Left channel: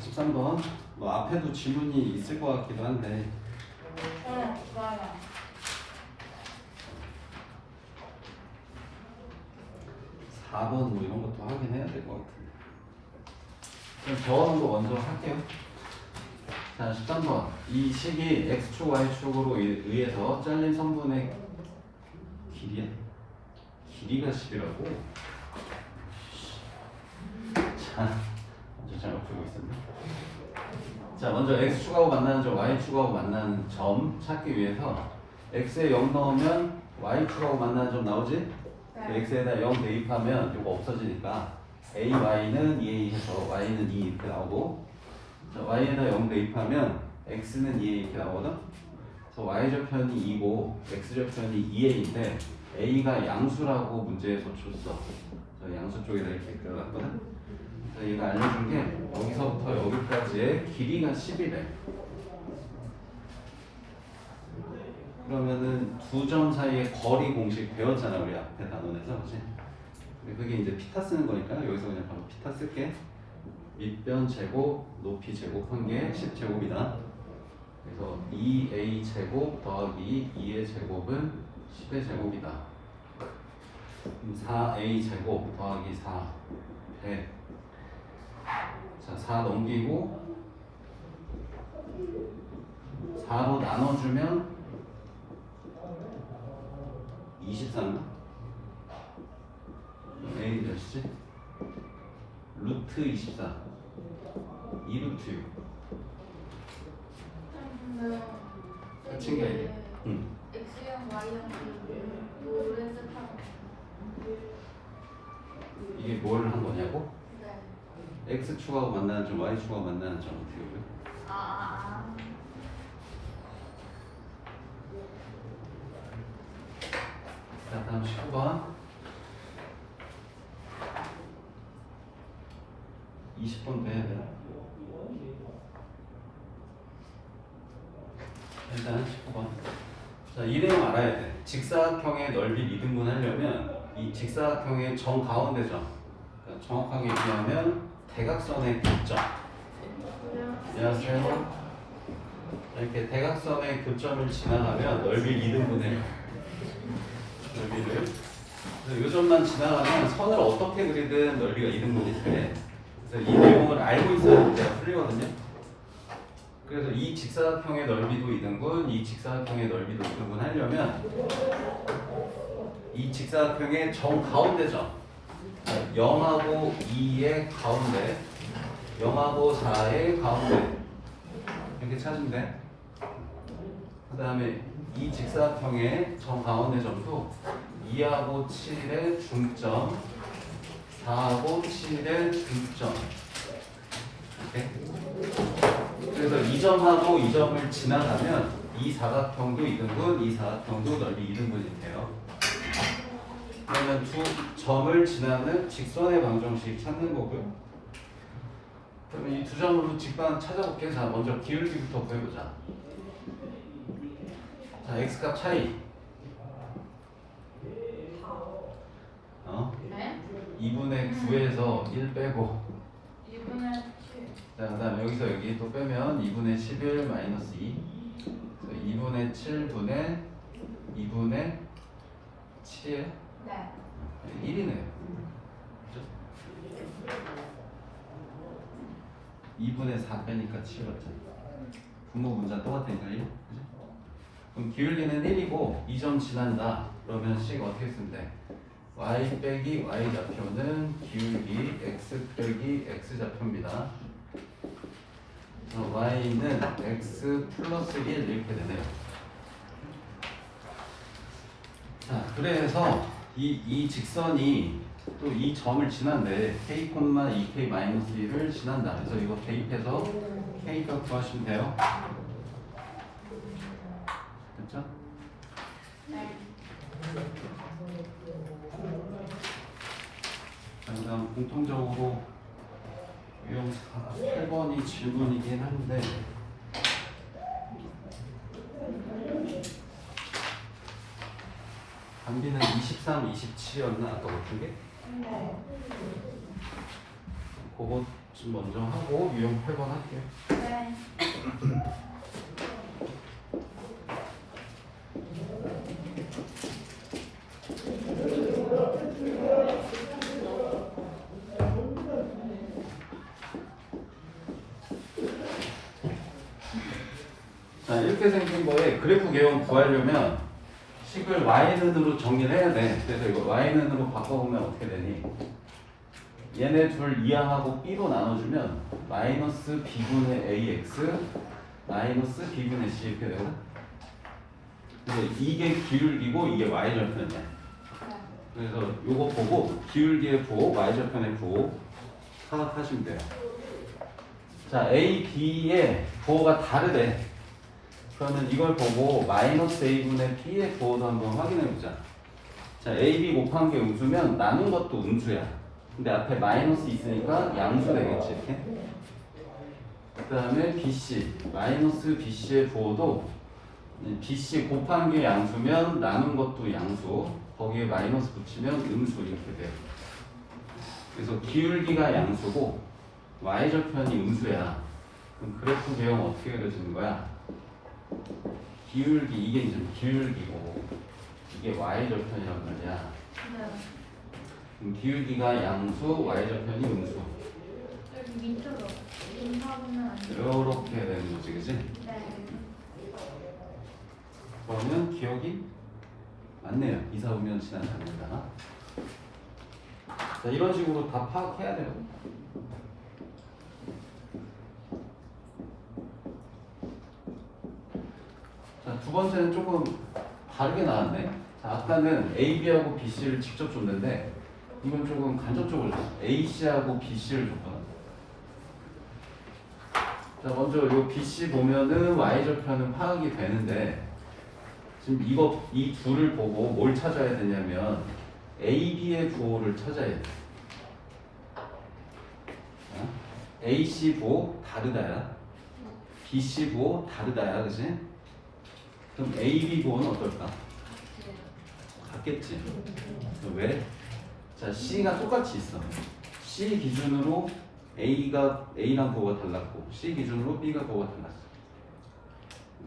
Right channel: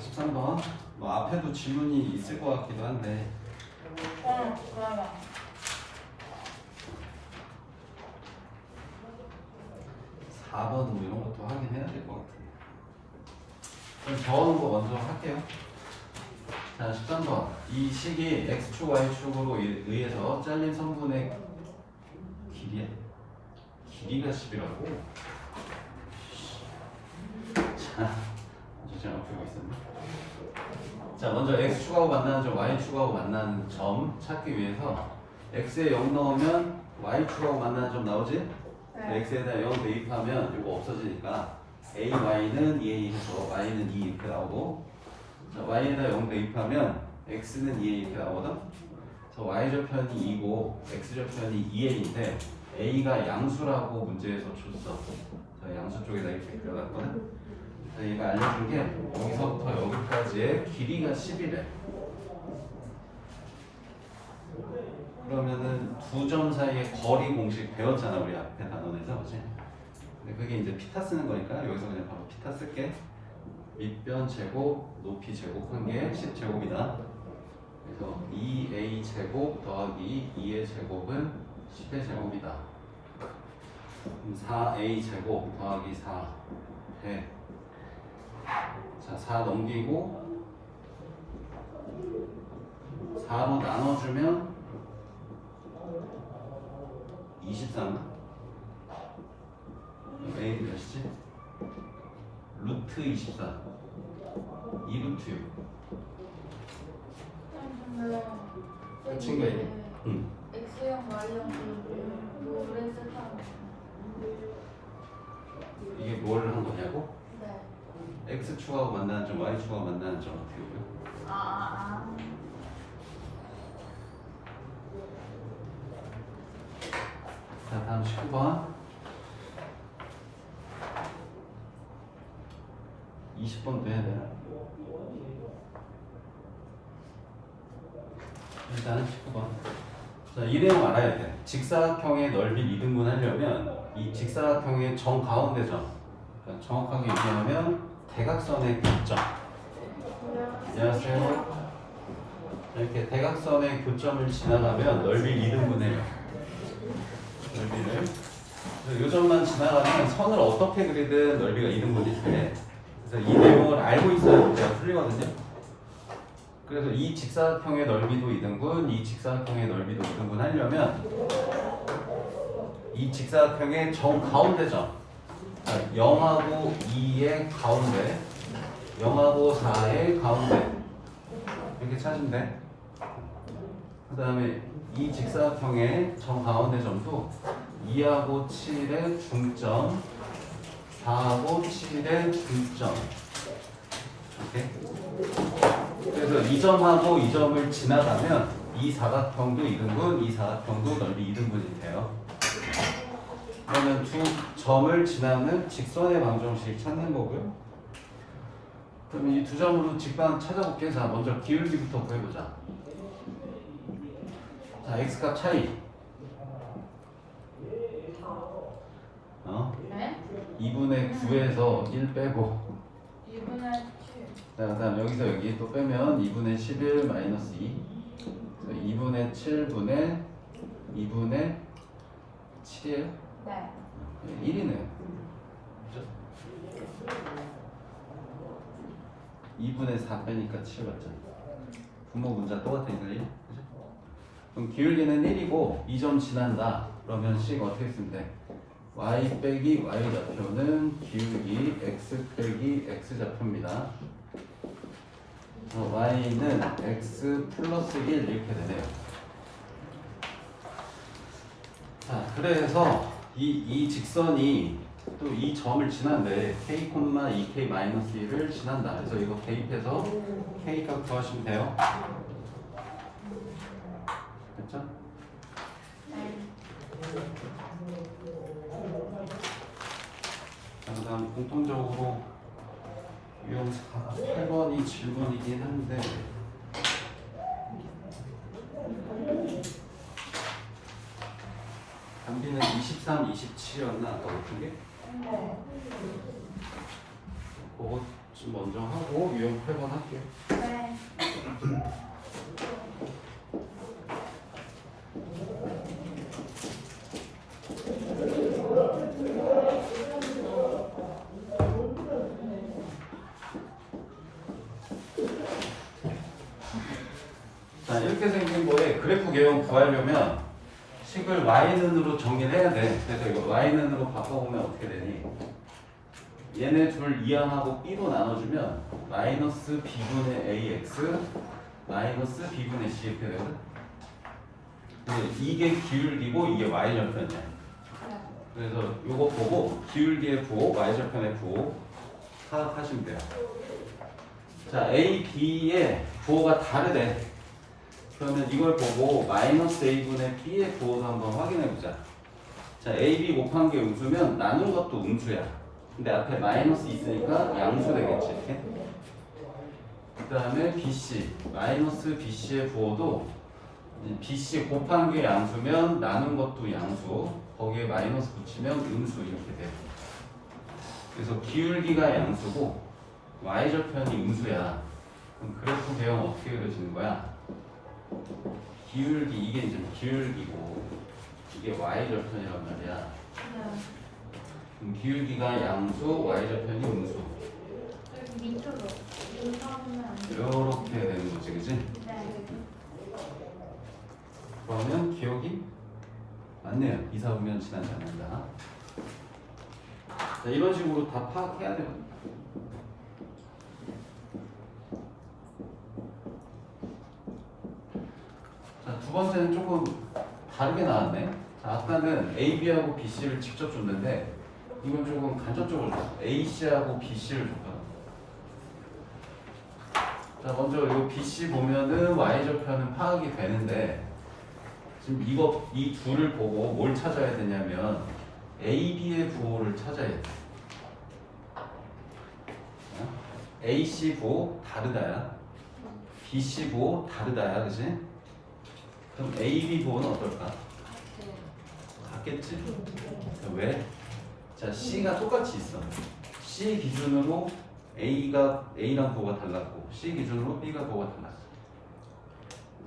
13번. 뭐 앞에도 질문이 있을 것 같기도 한데 어, 그러면 4번 뭐 이런 것도 확인해야 될 것 같은데. 그럼 저음도 먼저 할게요. 자, 13번. 이 식이 x축, y축으로 의- 의해서 잘린 선분의 길이야? 길이가 10이라고? 자, 풀고 있었네. 자, 먼저 x축하고 만나는 점, y축하고 만나는 점 찾기 위해서 x에 0 넣으면 y축하고 만나는 점 나오지? 네. x에다 0 대입하면 이거 없어지니까 a, y는 2a 해서 y는 2 이렇게 나오고 자, y에다 0 대입하면 x는 2a 이렇게 나오거든? 그래서 y좌편이 2고 x좌편이 2a인데 a가 양수라고 문제에서 줬어 저 양수 쪽에다 이렇게 그려놨거든? 얘가 알려준 게 여기서부터 여기까지의 길이가 10이래 그러면은 두 점 사이의 거리 공식 배웠잖아 우리 앞에 단원에서 그지? 근데 그게 이제 피타 쓰는 거니까 여기서 그냥 바로 피타 쓸게. 밑변 제곱 높이 제곱한 게 10제곱이다. 그래서 2a 제곱 더하기 2의 제곱은 10의 제곱이다. 그럼 4a 제곱 더하기 4 100 자, 4 넘기고 4로 나눠주면 24인가? A 몇이지? 루트 24 2루트 6 근데 끝인 게 이게 응. X형, Y형 이게 뭘 한 거냐고? 네. X축하고 만나는 점, Y축하고 만나는 점 어떻게 보면 아, 아, 아. 자 다음 19번 20번 돼야 돼 일단 19번 자, 이 내용 알아야 돼 직사각형의 넓이 미등분 하려면 이 직사각형의 정 가운데 점 그러니까 정확하게 얘기하면 대각선의 교점. 안녕하세요. 이렇게 대각선의 교점을 지나가면 넓이를 이등분해요. 넓이를. 그래서 이 점만 지나가면 선을 어떻게 그리든 넓이가 이등분이 돼 그래서 이 내용을 알고 있어야 문제가 풀리거든요. 그래서 이 직사각형의 넓이도 2등분, 이 직사각형의 넓이도 2등분 하려면 이 직사각형의 정 가운데 점 0하고 2의 가운데 0하고 4의 가운데 이렇게 찾으면 돼. 그 다음에 이 직사각형의 정가운데 점도 2하고 7의 중점 4하고 7의 중점 이렇게 그래서 이 점하고 이 점을 지나가면 이 사각형도 2등분, 이 사각형도 넓이 2등분이 돼요. 그러면 두 점을 지나는 직선의 방정식 찾는 거고요. 그러면 이 두 점으로 직방 찾아볼게. 자, 먼저 기울기부터 구해보자. 자, x값 차이. 어? 네? 2분의 9에서 1 빼고 2분의 7. 자, 그 다음 여기서 여기 또 빼면 2분의 11 마이너스 2. 그래서 2분의 7분의 2분의 7이에요? 네. 1이네요. 그죠? 2분의 4 빼니까 7 맞잖아. 분모 분자 똑같은 거예요. 그죠? 그럼 기울기는 1이고 2점 지난다. 그러면 식 어떻게 쓰면 돼? y 빼기 y 좌표는 기울기 x 빼기 x 좌표입니다. 그래서 y는 x 플러스 1 이렇게 되네요. 자, 그래서 이, 이 직선이 또 이 점을 지난데 k, 2k 마이너스 1을 지난다. 그래서 이거 대입해서 k 값 구하시면 돼요. 됐죠? 네. 자, 그다음 공통적으로 유형 8번이 질문이긴 한데 단비는 23, 27이었나 아까 같은 게? 네. 그거 좀 먼저 하고 유형 8번 할게요. 네. 자 이렇게 생긴 거에 그래프 개형 구하려면 식을 y는으로 정리를 해야 돼. 그래서 이거 y는으로 바꿔보면 어떻게 되니? 얘네 둘 이항하고 b로 나눠주면 마이너스 b분의 ax 마이너스 b분의 c 이렇게 되거든. 근데 이게 기울기고 이게 y절편이야. 그래서 요거 보고 기울기의 부호, y절편의 부호 파악하시면 돼요. 자, A, B의 부호가 다르대. 그러면 이걸 보고 마이너스 A분의 B의 부호도 한번 확인해 보자. 자, A, B 곱한 게 음수면 나눈 것도 음수야. 근데 앞에 마이너스 있으니까 양수 되겠지. 그 다음에 BC, 마이너스 BC의 부호도 이 BC 곱한 게 양수면 나눈 것도 양수, 거기에 마이너스 붙이면 음수 이렇게 돼. 그래서 기울기가 양수고 y절편이 음수야. 그럼 그래프 배경 어떻게 그려지는 거야? 기울기 이게 이제 기울기고 이게 y절편이란 말이야. 네. 그럼 기울기가 양수, y절편이 음수. 여기 밑으로 이렇게 되는 거지, 그지? 네. 그러면 기억이 맞네요. 이사 오면 지나지 않는다. 자, 이런 식으로 다 파악해야 되거든. 자, 두 번째는 조금 다르게 나왔네. 자, 아까는 A, B하고 B, C를 직접 줬는데 이건 조금 간접적으로 줬어. A, C하고 B, C를 줬거든. 자, 먼저 이 B, C 보면은 Y절편은 파악이 되는데 지금 이거 이 둘을 보고 뭘 찾아야 되냐면 A, B의 부호를 찾아야 돼. 어? A, C 부호 다르다야. B, C 부호 다르다야, 그지? 그럼 A, B 부호는 어떨까? 같겠지. 왜? 자, C가 똑같이 있어. C 기준으로 A가 A랑 부호가 달랐고 C 기준으로 B가 부호가 달랐어.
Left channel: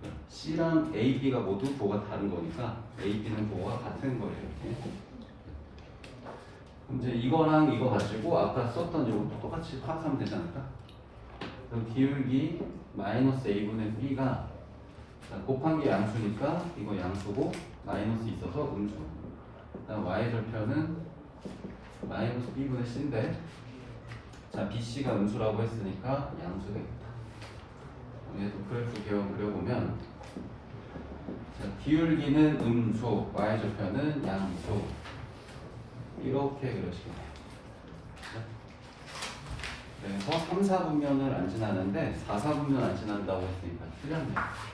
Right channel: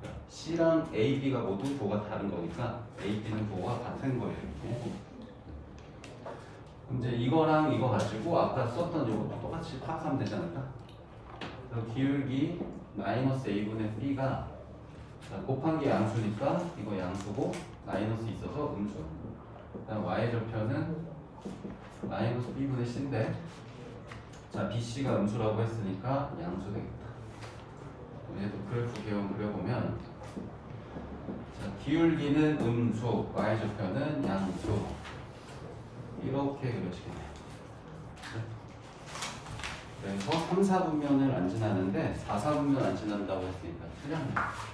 그러니까 C랑 A, B가 모두 부호가 다른 거니까 A, B는 부호가 같은 거예요. 이렇게. 이제 이거랑 이거 가지고 아까 썼던 이것도 똑같이 파악하면 되지 않을까? 그럼 기울기 마이너스 A분의 B가 자, 곱한 게 양수니까 이거 양수고 마이너스 있어서 음수. 그다음 y절편은 마이너스 b분의 c인데 자 bc가 음수라고 했으니까 양수 되겠다. 얘도 그래프 개형 그려보면 자, 기울기는 음수, y절편은 양수 이렇게 그려지겠네요. 그래서 3, 4분면을 안 지나는데 4, 4분면 안 지난다고 했으니까 틀렸네요.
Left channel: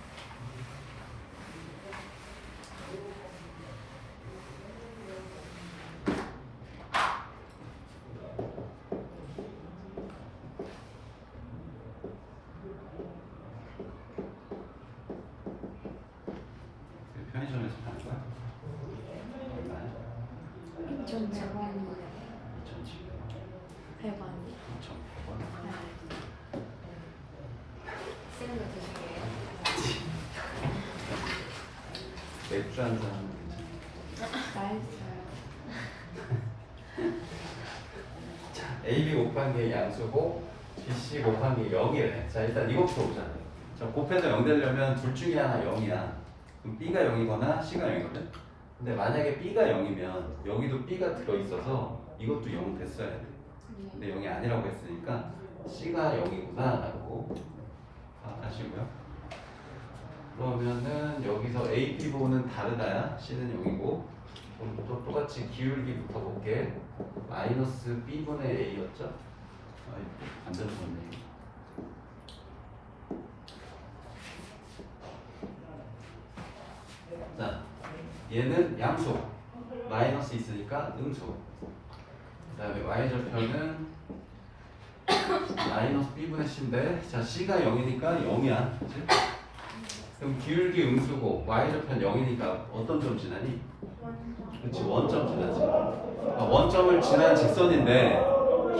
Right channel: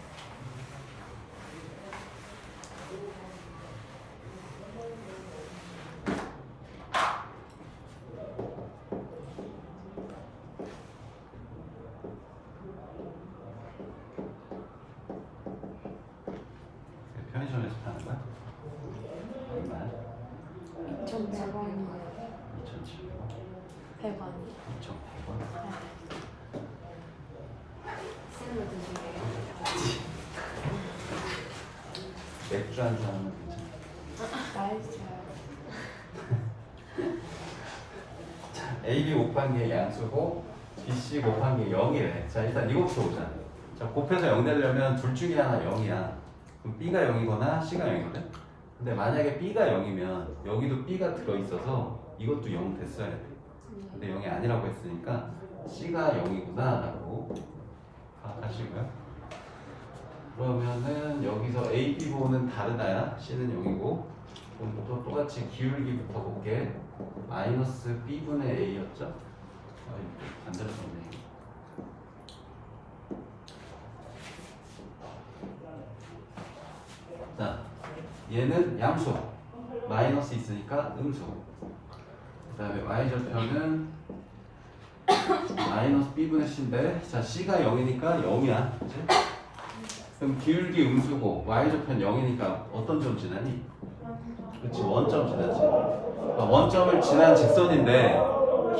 편의점에서 파는 거야? 얼마야? 2,700원, 2,700원, 100원. 2,100원. 셀로 드시래요. 맥주 한 잔 하면 괜찮아. 맛있어요. A, B 곱한 게 양수고 B, C 곱한 게 0이래. 자 일단 이거부터 보자. 자 곱해서 0 되려면 둘 중에 하나 0이야. 그럼 B가 0이거나 C가 0이거든. 근데 만약에 B가 0이면 여기도 B가 들어있어서 이것도 0 됐어야 돼. 근데 0이 아니라고 했으니까 C가 0이구나 라고 파악하시고요. 그러면은 여기서 A, B 부호는 다르다야. C는 0이고 그럼 또 똑같이 기울기부터 볼게. 마이너스 B분의 A였죠? 아, 안 들었었네. 자, 얘는 양수. 마이너스 있으니까 음수. 그 다음에 y절편은 마이너스 b분의 c인데 자 c가 0이니까 0이야 그치? 그럼 기울기 음수고 y절편 0이니까 어떤 점 지나니? 그치 원점 지나지 그러니까 원점을 지난 직선인데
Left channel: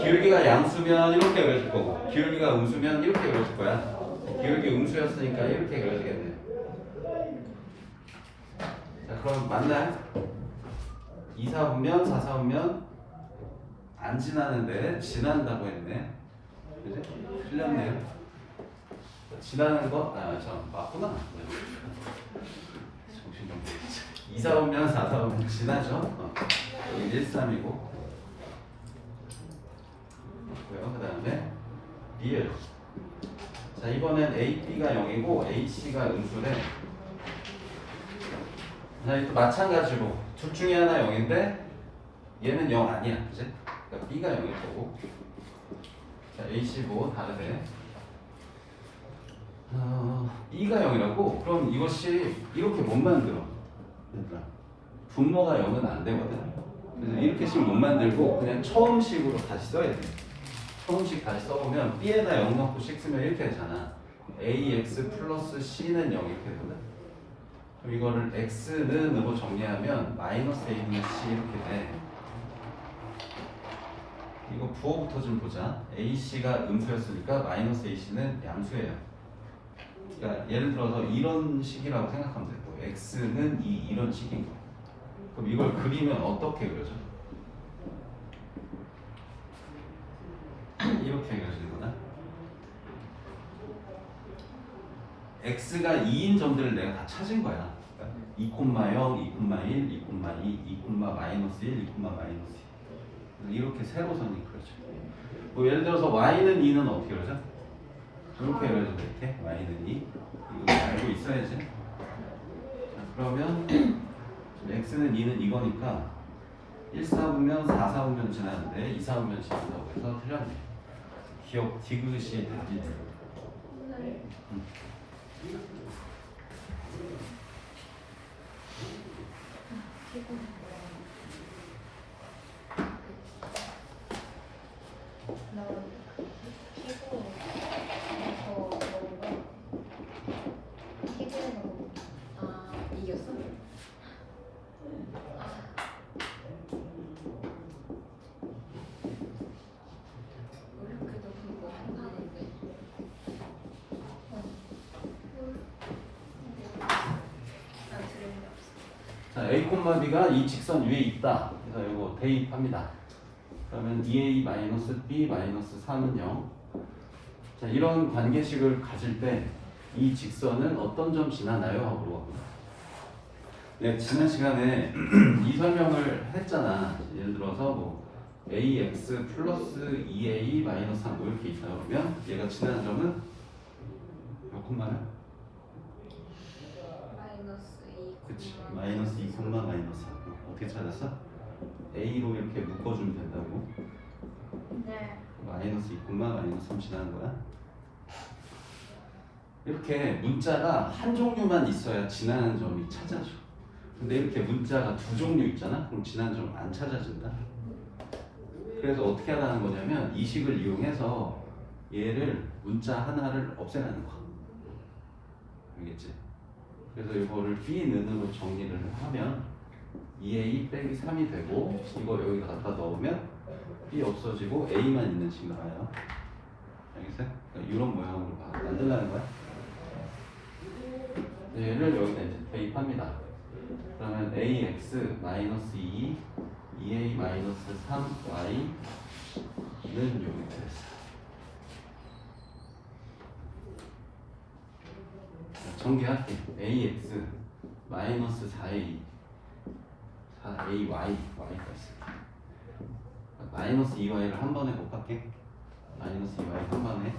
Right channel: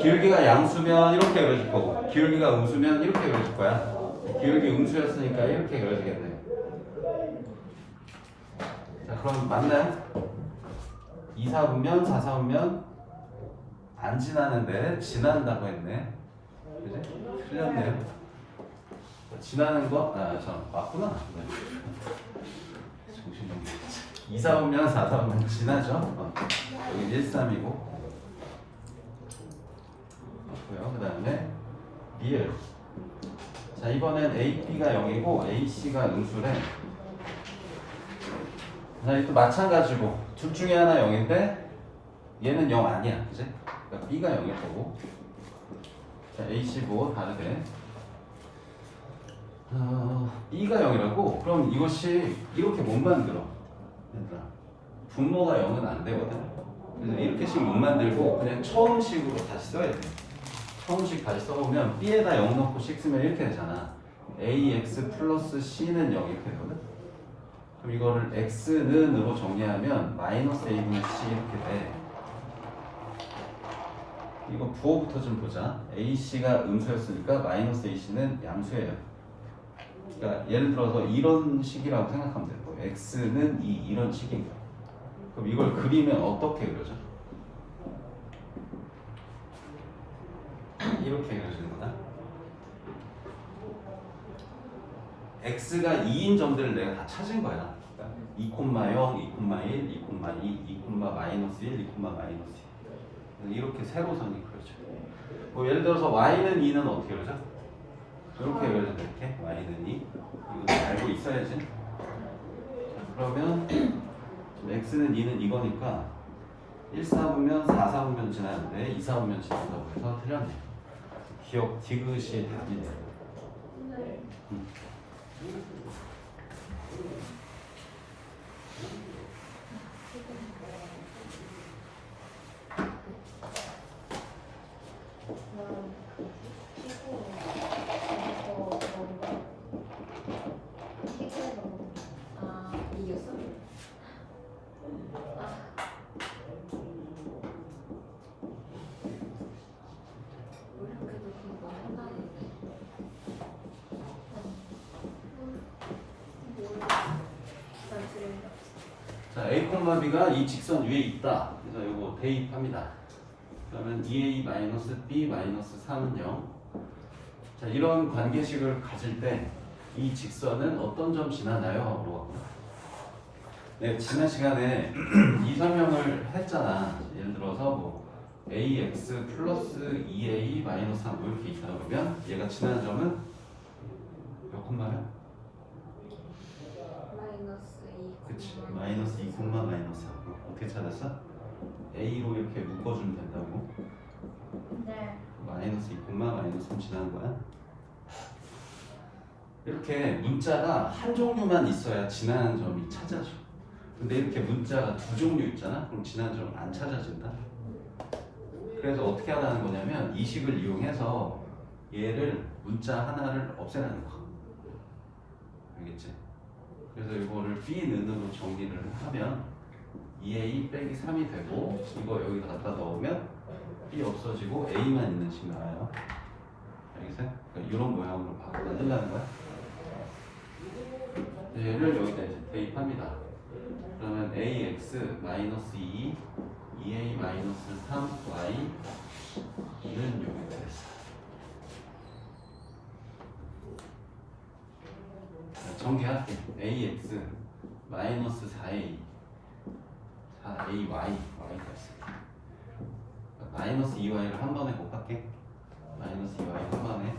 기울기가 양수면 이렇게 그려질 거고 기울기가 음수면 이렇게 그려질 거야. 기울기 음수였으니까 이렇게 그려지겠네. 자 그럼 맞나요? 2, 4분면 4, 4분면 안 지나는데 지난다고 했네. 그지? 틀렸네요. 지나는 거? 아, 참 맞구나. 정신병. 2, 4분면 4, 4분면 지나죠. 어. 여기 1, 3이고. 그 다음에 리을. 자 이번엔 A, B가 0이고 A, C가 음수래. 자 이거 마찬가지고 둘 중에 하나 0인데 얘는 0 아니야, 그지? 그러니까 B가 0일 거고. 자 A, C 뭐 다르대. 어, B가 0이라고? 그럼 이것이 이렇게 못 만들어. 얘들아. 분모가 0은 안 되거든. 그래서 이렇게씩 못 만들고 그냥 처음식으로 다시 써야 돼. 처음식 다시 써보면 B에다 0 넣고 씩 쓰면 이렇게 되잖아. AX 플러스 C는 0 이렇게 되거든. 그럼 이거를 X는으로 정리하면 마이너스 A분의 C 이렇게 돼. 이거 부호부터 좀 보자. AC가 음수였으니까 마이너스 AC는 양수예요. 그러니까 예를 들어서 이런 식이라고 생각하면 될 거예요. X는 이 이런 식인 거야. 그럼 이걸 그리면 어떻게 그려져? 이렇게 그려지는 거다. X가 2인 점들을 내가 다 찾은 거야. 2,0, 2,1, 2,2, 2, 마이너스 1, 2, 마이너스 2. 이렇게 세로선이 그려져. 뭐 예를 들어서 Y는 2는 어떻게 그려져? 이렇게 그려져 이렇게 Y는 2. 이거 알고 있어야지. 자, 그러면 X는 2는 이거니까 1, 4분면 4, 4분면 지나는데 2, 4분면 지난다고 해서 틀렸네. 기억 디귿이 답이네. 아 이겼어? 어렵게도 그거 한다는데 난 들은 게 B가 이 직선 위에 있다. 그래서 이거 대입합니다. 그러면 2A 마이너스 B 마이너스 3은 0. 자, 이런 관계식을 가질 때 이 직선은 어떤 점 지나나요? 하고 물어봤구나. 네, 지난 시간에 이 설명을 했잖아. 예를 들어서 뭐 AX 플러스 2A 마이너스 3 뭐 이렇게 있다 그러면 얘가 지나는 점은 몇 콤마면? 마이너스 2 그치. 마이너스 2 콤마 마이너스 3 어떻게 찾았어? A로 이렇게 묶어주면 된다고? 네. 마이너스 2 콤마 마이너스 3 지나는 거야? 이렇게 문자가 한 종류만 있어야 지나는 점이 찾아져. 근데 이렇게 문자가 두 종류 있잖아? 그럼 지나는 점은 안 찾아진다? 그래서 어떻게 하라는 거냐면 이 식을 이용해서 얘를 문자 하나를 없애라는 거야 알겠지? 그래서 이거를 B는으로 정리를 하면 2A 빼기 3이 되고 이거 여기다 갖다 넣으면 B 없어지고 A만 있는 식 나와요. 알겠어요? 그러니까 이런 모양으로 바- 만들라는 거야. 얘를 여기다 이제 대입합니다. 그러면 AX 마이너스 2, 2A 마이너스 3Y는 여기 돼 있어. 정리할게. AX 마이너스 4A 4AY Y가 있어. 마이너스 2Y를 한 번에 곱할게. 마이너스 2Y 한 번에.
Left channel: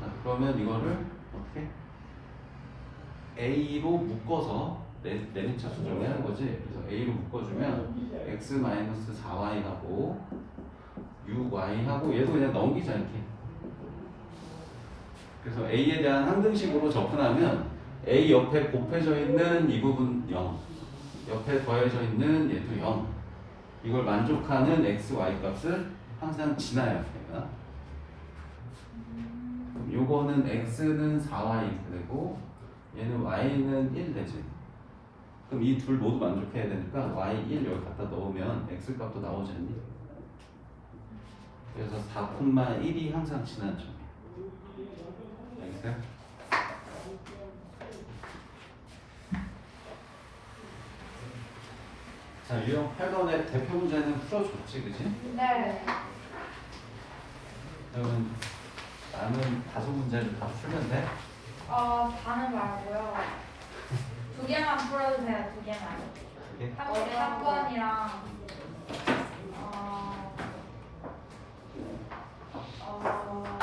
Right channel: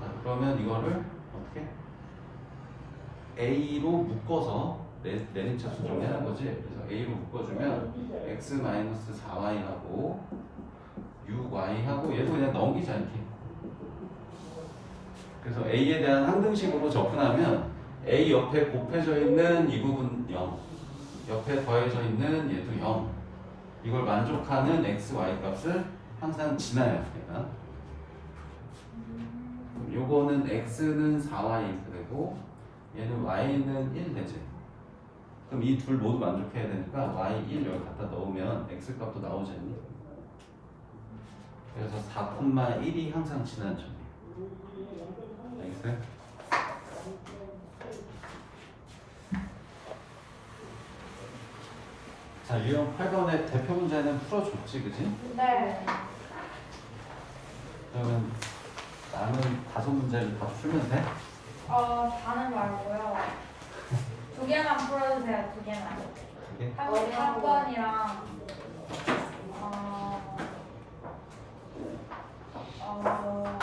자, 그러면 이거를 어떻게? A로 묶어서 내, 내리차 수정하는 거지. 그래서 A로 묶어주면 X 마이너스 4Y하고 6Y하고 얘도 그냥 넘기자 이렇게. 그래서 A에 대한 항등식으로 접근하면 A 옆에 곱해져 있는 이 부분 0, 옆에 더해져 있는 얘도 0. 이걸 만족하는 x, y 값을 항상 지나야 돼요. 그럼 요거는 x는 4y 이렇게 되고 얘는 y는 1 되지. 그럼 이 둘 모두 만족해야 되니까 y1 여기 갖다 넣으면 x 값도 나오지 않니? 그래서 4,1이 항상 지나는 알겠어요? 자, 유형 8번의 대표 문제는 풀어줬지, 그지? 네. 그러면 남은 다섯 문제를 다 풀면 돼? 어, 다는 말고요. 두 개만 풀어주세요, 두 개만. 그게? 한 번, 한 번이랑, 어, 어,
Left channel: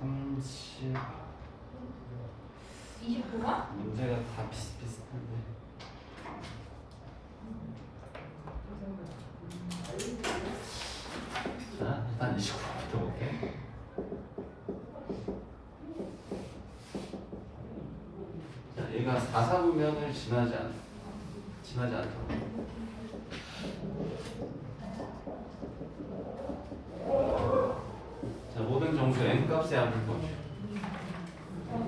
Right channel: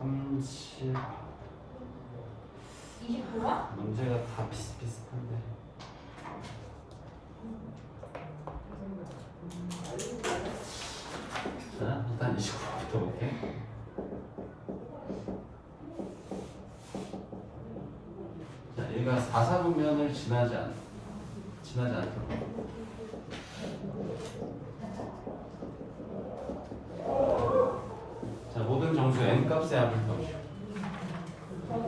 30 29번? 문제가 다 비슷비슷한데. 자, 일단 29부터 볼게. 자, 얘가 4, 4분면을 지나지 않, 지나지 않도록. 자, 모든 정수 n 값의 합을 보죠.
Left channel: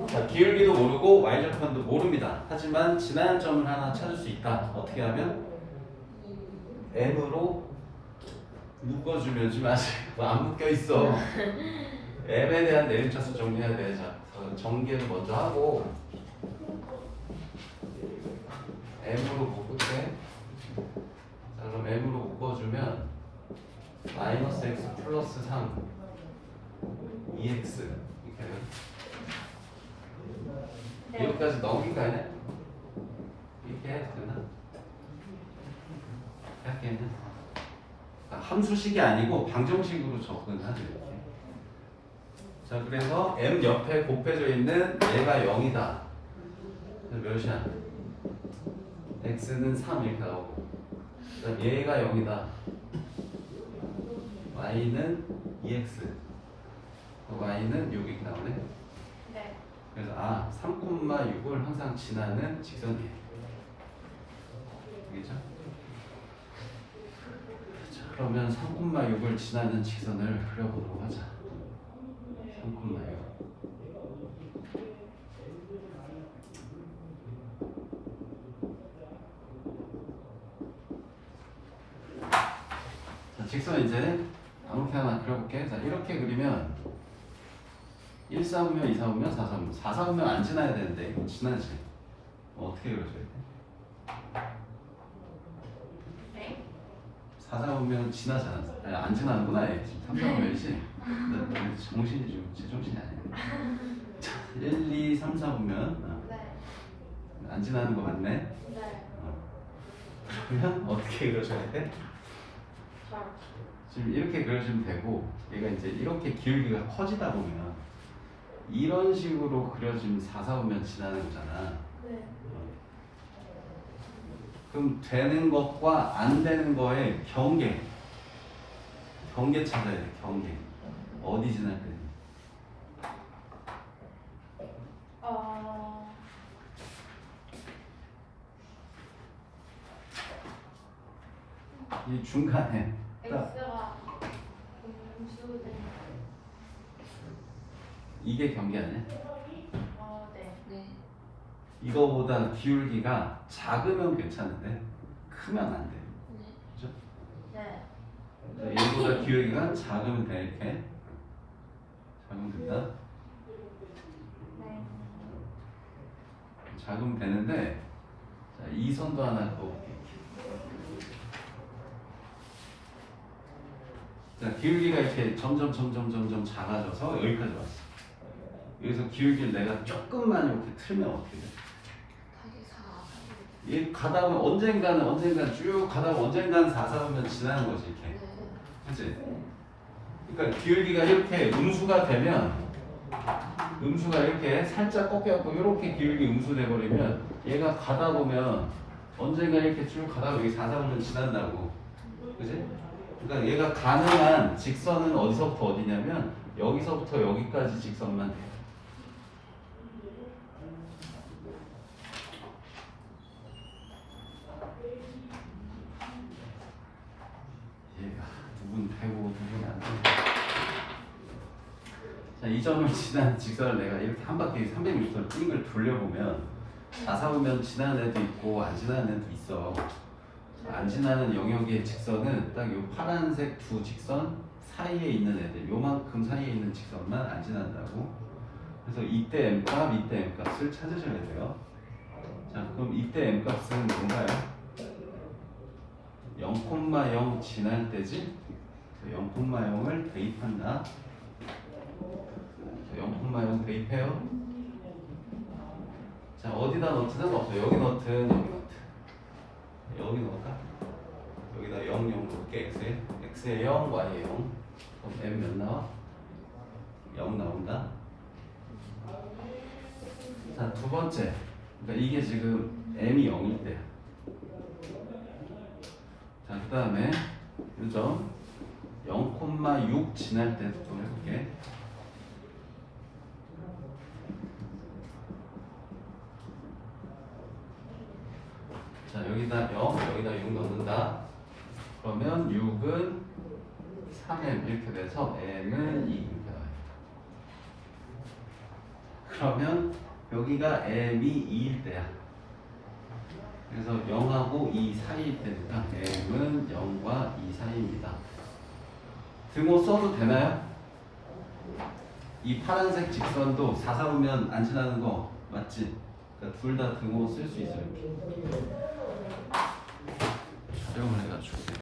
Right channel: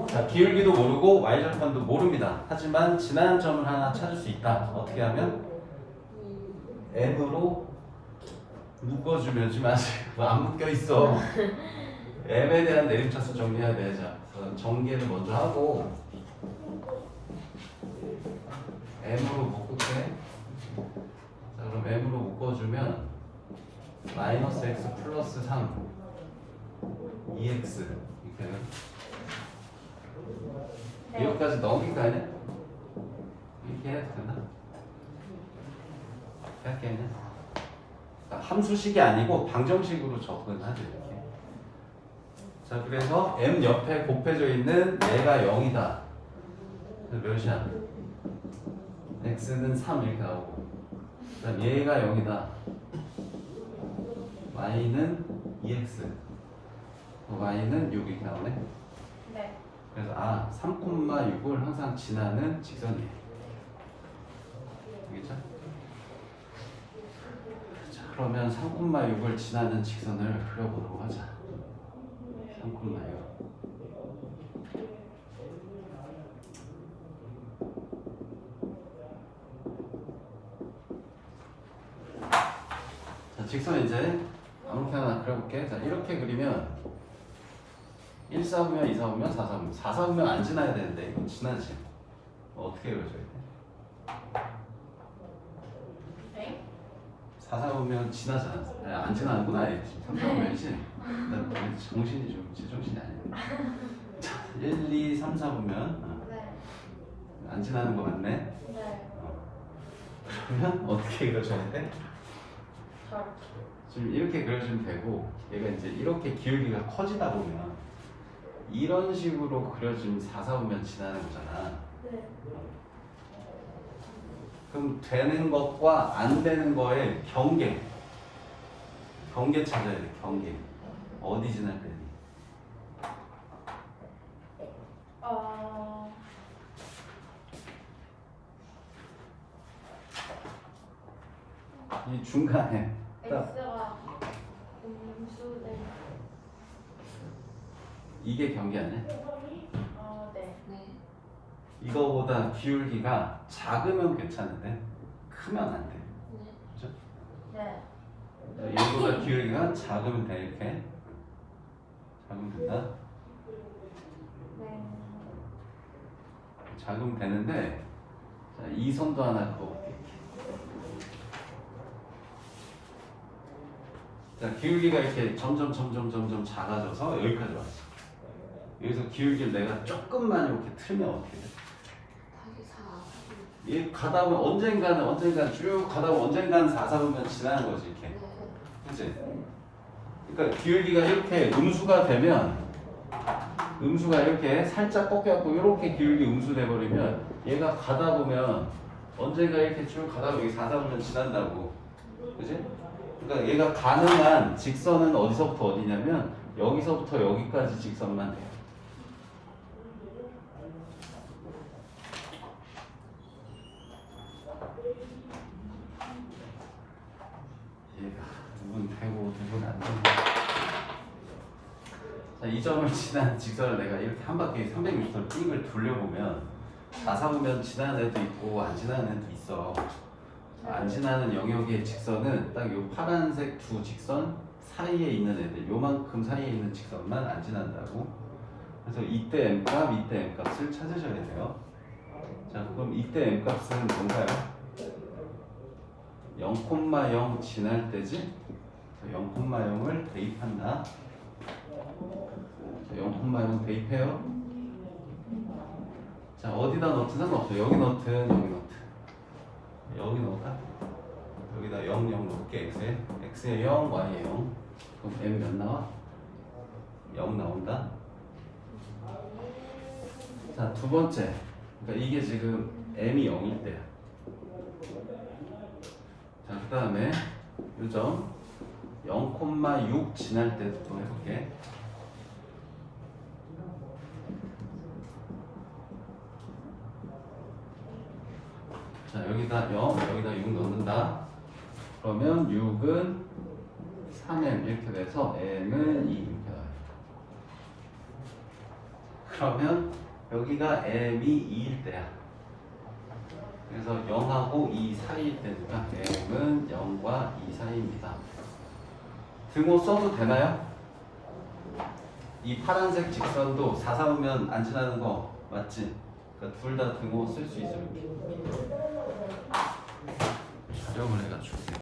자, 기울기도 모르고 y절편도 모릅니다. 하지만 지나는 점을 하나 찾을 수 있다. 어떻게 하면 m으로 묶어주면 지 마세요. 뭐안 묶여 있어. m에 대한 내림차수 정리해야 돼. 자, 어, 전개를 먼저 하고 m으로 묶을게. 자, 그럼 m으로 묶어주면 마이너스 x 플러스 3 2x 이렇게 되면 네. 여기까지 거 아니야? 이렇게 해도 되나? 이렇게 했나? 그러니까 함수식이 아니고 방정식으로 접근하죠 이렇게. 자 그래서 m 옆에 곱해져 있는 얘가 0이다. 그래서 몇이야? X는 3 이렇게 나오고 그다음 얘가 0이다. y는 2x y는 6 이렇게 나오네. 네. 그래서 아 3,6을 항상 지나는 직선이에요. 알겠죠? 자, 그러면 3,6을 지나는 직선을 그려보도록 하자. 3,6. 자, 직선 이제 아무 때나 그려볼게. 자, 이렇게 그리면 1 4분면 2 4분면 4 4분면 4 4분면 안 지나야 되는데 이건 지나지 어떻게 그려줘야 돼? 네. 4 4분면 지나잖아 아니 안 지나는구나 얘 지금 3 4분면이지 나 정신이 좀 제 정신이 아니야 자, 1, 2, 3, 4분면 네. 안 지나는 거 맞네 네. 어. 그러면 어떻게 그려줘야 돼? 지금 이렇게 그려주면 되고 얘가 이제 이렇게 기울기가 커지다 보면 이런 식으로 4, 4분면 지나는 거잖아. 네. 그럼 되는 것과 안 되는 거의 경계. 경계 찾아야 돼 경계. 어디 지날 때 어, 이 중간에 딱 X가 음수된, 이게 경계 아니야? 어, 네. 네. 이거보다 기울기가 작으면 괜찮은데 크면 안 돼. 네. 네. 얘보다 기울기가 작으면 돼 이렇게 작으면 된다. 네. 작으면 되는데 자, 이 선도 하나 그어볼게. 기울기가 이렇게 점점 점점 점점 작아져서 여기까지 왔어. 여기서 기울기를 내가 조금만 이렇게 틀면 어떻게 돼? 다시 4. 이 가다 보면 언젠가는 언젠가는 쭉 가다 보면 언젠가는 4, 4분면 지나는 거지 이렇게. 네. 그치? 그러니까 기울기가 이렇게 음수가 되면 음수가 이렇게 살짝 꺾여갖고 이렇게 기울기 음수 돼버리면 얘가 가다 보면 언젠가 이렇게 쭉 가다 보면 여기 4, 4분면 지난다고. 그지? 그러니까 얘가 가능한 직선은 어디서부터 어디냐면 여기서부터 여기까지 직선만 돼. 얘가 누군 되고 누군 안 되고. 자, 이 점을 지난 직선을 내가 이렇게 한 바퀴 360도로 삥을 돌려보면 4사보면 지나는 애도 있고 안 지나는 애도 있어. 안 지나는 영역의 직선은 딱 요 파란색 두 직선 사이에 있는 애들, 요만큼 사이에 있는 직선만 안 지난다고. 그래서 이때 m 값, 이때 m 값을 찾으셔야 돼요. 자, 그럼 이때 m 값은 뭔가요? 0,0 지날 때지? 0,0을 대입한다. 0,0 대입해요. 자, 어디다 넣든 상관없어. 여기 넣든 여기 넣든. 여기 넣을까? 여기다 0, 0 넣을게. x에. x에 0, y에 0. 그럼 m 몇 나와? 0 나온다. 자, 두 번째. 그러니까 이게 지금 m이 0일 때. 자, 그 다음에 요점 0,6 지날 때도 또 해볼게. 자, 여기다 0, 여기다 6 넣는다. 그러면 6은 3m 이렇게 돼서 n은 2 이렇게 나와요. 그러면 여기가 m이 2일 때야. 그래서 0하고 2 사이일 때니까 m은 0과 2 사이입니다. 등호 써도 되나요? 이 파란색 직선도 4 사보면 안 지나는 거 맞지? 그러니까 둘다 등호 쓸 수 있어요. 활용을 해가지고